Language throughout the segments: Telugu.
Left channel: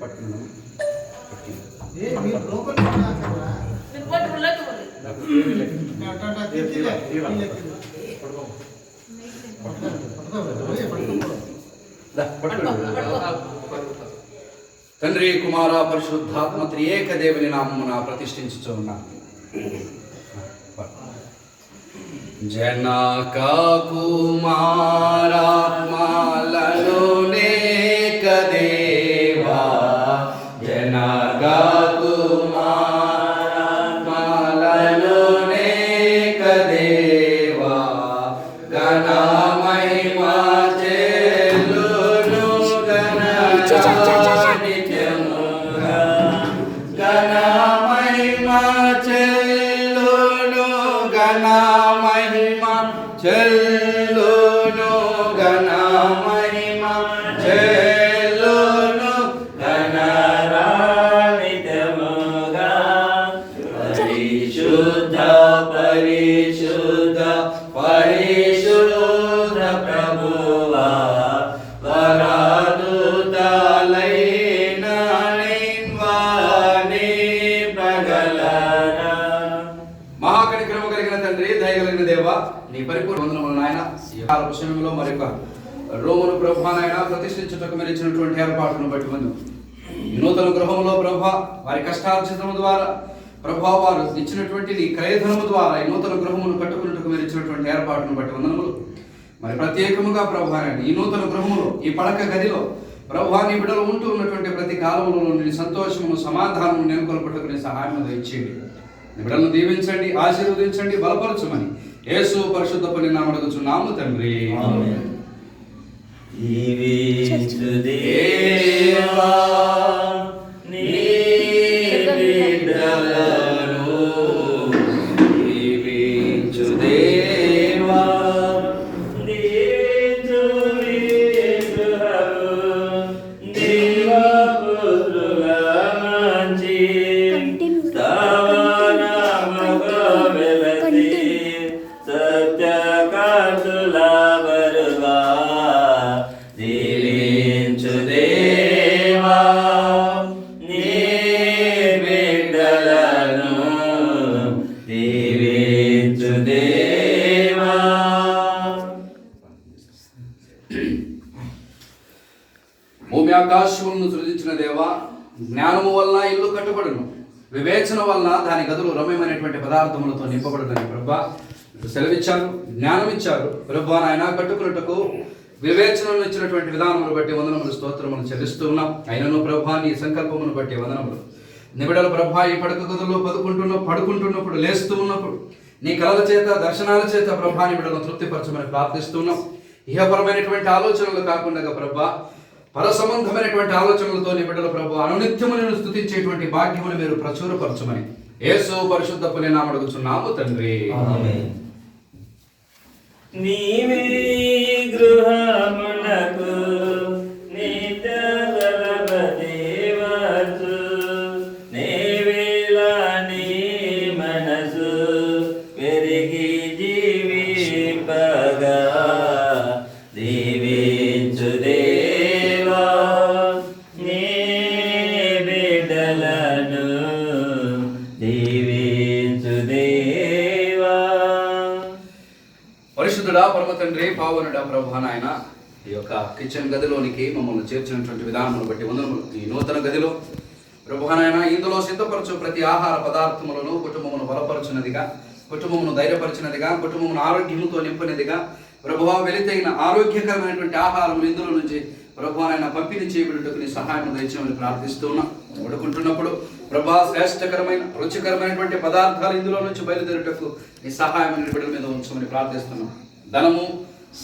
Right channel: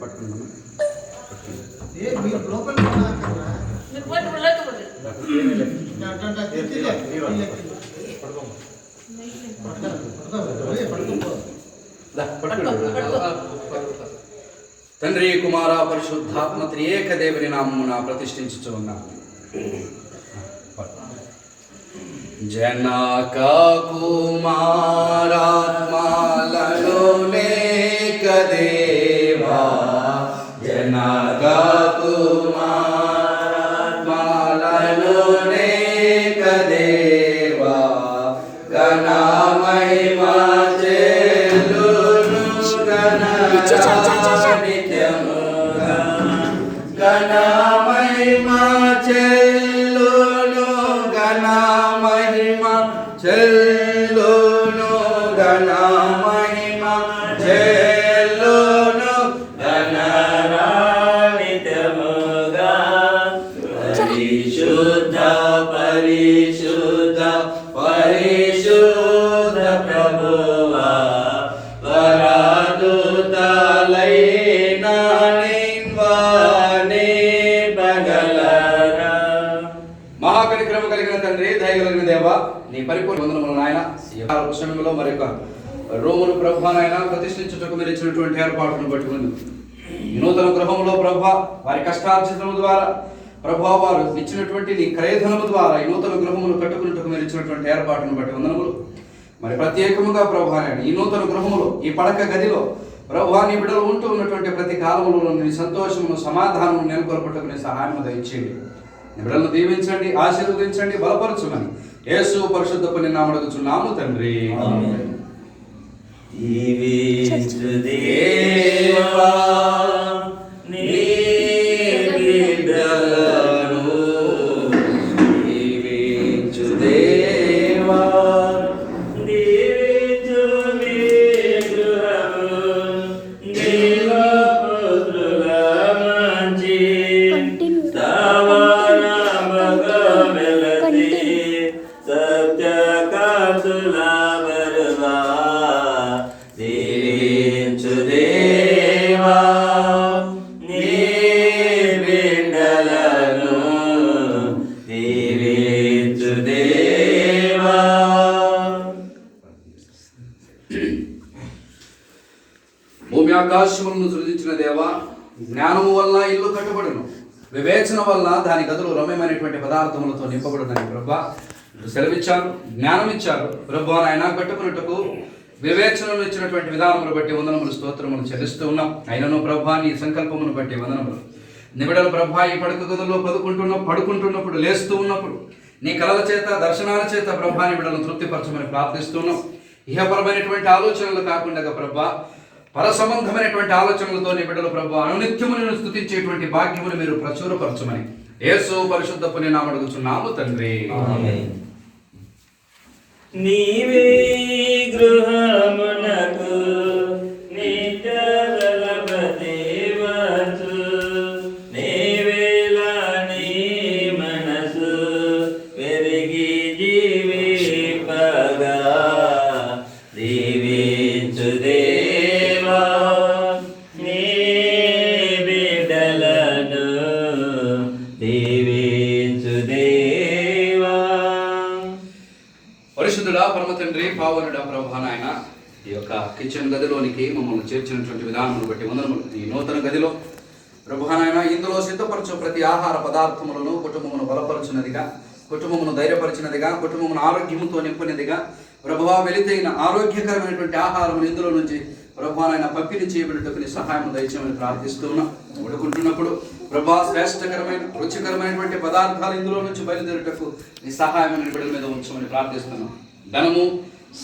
పట్టుకుందాము. తండ్రి కుమార పరిశుద్ధాత్మ త్రియేక దేవుని నామమున ప్రతిష్ఠించుచు ఉన్నాను. జనక కుమారాత్మలలోనేక దేవా, జనక కుమారాత్మలలోనేక దేవా, గణ మహిమా చెల్లును గణ నిత్యముగా, గణ మహిమా చెల్లును గణ మహిమా చెల్లును గణ మహిమా చెల్లును గణ నిత్యముగా. పరిశుద్ధ పరిశుద్ధ పరిశుద్ధ ప్రభువా, వరదూతలైన నిన్వాని పగలరా. మహాకనిక్రమ కలిగిన తండ్రి, దయ కలిగిన దేవా, నీ పరిపూర్ణ వందనములు నాయన. ఈ సమయంలో మరొక రోమును ప్రభువానైనా ప్రతిష్ఠించుటకు మీరు ఇచ్చినటువంటి ఏర్పాటును బట్టి ముందు నూతన గృహంలో ప్రభా వారి కష్టార్జితం ద్వారా ప్రభా వారు ఇచ్చినటువంటి నీ క్రయధనము ద్వారా ఈ నూతన గృహమును కట్టుకున్నట్టుకు మీరు ఇచ్చినటువంటి ఏర్పాటును బట్టి వందనములు. మరి ప్రత్యేకముగా ప్రభువానైనా ఈ నూతన గృహములో ఈ పడక గదిలో ప్రభువా నీ బిడ్డలు ఉంటూ ఉన్నటువంటి ప్రతి కాలంలో నీ సంతోషమును సమాధానము నెలకొల్పటకు నీ సహాయం దయచేయండి. నీ బిడ్డలను దీవించండి, ఆశీర్వదించండి, బలపరచమని యేసు పరిశుద్ధపు నీ నామమున అడుగుచున్నాము తండ్రి. దేవా నీ బిడ్డలను దీవించు దేవా, దీవించు నీ గృహము, దేవపుత్రుల మంచి స్థావరముగా వెలసి సత్యకాంతుల బరువా, దీవించు దేవా నీ బిడ్డలను, దీవించు దేవా. భూమి ఆకాశములను సృజించిన దేవా, జ్ఞానము వలన ఇల్లు కట్టబడును, వివేచన వలన దాని గదులు రమ్యమైనటువంటి పదార్థములతో నింపబడునని ప్రభా సెలవిచ్చారు, జ్ఞానం ఇచ్చారు. ప్రభా నాయన కట్టుకున్నట్టుకు వివేచనను ఇచ్చినటువంటి విధానమును బట్టి వందనములు స్తోత్రములు చెల్లిస్తూ ఉన్నాం. అయినను ప్రభా నీ సంకల్పమును బట్టి వందనములు. నిబిడలు ప్రభా ఈ పడక గదుల్లో పడుకుంటున్నప్పుడు, లేస్తూ ఉన్నప్పుడు నీ కలల చేత దర్శనాల చేత ప్రభా నిబిడలను తృప్తిపరచమని ప్రార్థిస్తున్నాం. ఇహపరమైనటువంటి ఆలోచనలు కాకుండా ప్రభా పర సంబంధమైనటువంటి ఆలోచనలతో నీ బిడ్డలు ప్రభు అనునిత్యమును స్తుతించేటువంటి భాగ్యమును మీరు ప్రచురపరచమని యేసు పరిశుద్ధపు నీ నామమున అడుగుచున్నాము తండ్రి. నీవే గృహమునకు నిత్యబలపతివంతు, నీవేలా నీ మనసు వెరిగి జీవింపగా, దీవించు దేవా నీ బిడ్డలను, దీవించు దేవా. పరిశుద్ధుడా పరమ తండ్రి, పావనుడా ప్రభా నాయన, ఈ యొక్క కిచెన్ గదిలోనికి మమ్మల్ని చేర్చినటువంటి విధానమును బట్టి వందనములు. ఈ నూతన గదిలో ప్రభా నాయన ఇందులో సిద్ధపరచు ప్రతి ఆహార పదార్థములను కుటుంబమును బలపరచునదిగా, కుటుంబమును ధైర్యపరిచినదిగా, కుటుంబమును ఆరోగ్యముతో నింపినదిగా ప్రభువా వెలితైన ఆరోగ్యకరమైనటువంటి ఆహారం ఇందులో నుంచి ప్రభువానైనా పంపిణీ చేయబడినట్టుకు నీ సహాయం దయచేయమని ప్రార్థిస్తూ ఉన్నాం. వండుకుంటున్నప్పుడు ప్రభా శ్రేష్టకరమైన రుచికరమైనటువంటి పదార్థాలు ఇందులో నుంచి బయలుదేరుటకు నీ సహాయం బిడ్డల మీద ఉంచమని ప్రార్థిస్తున్నాం. ధనము,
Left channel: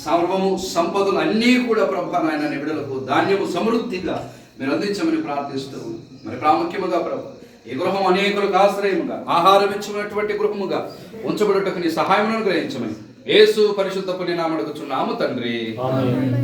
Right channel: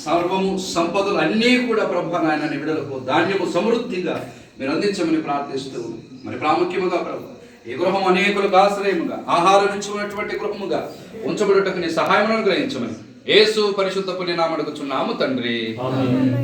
సర్వము, సంపదలు అన్నీ కూడా ప్రభువానైనా నీ బిడ్డలకు ధాన్యము సమృద్ధిగా మీరు అందించమని ప్రార్థిస్తూ ఉన్నాం. మరి ప్రాముఖ్యముగా ప్రభు ఈ గృహం అనేకులకు ఆశ్రయముగా, ఆహారం ఇచ్చినటువంటి గృహముగా ఉంచబడుటకు నీ సహాయం అనుగ్రహించమని యేసు పరిశుద్ధపు నీ నామమున అడుగుచున్నాము తండ్రి. ఆమేన్.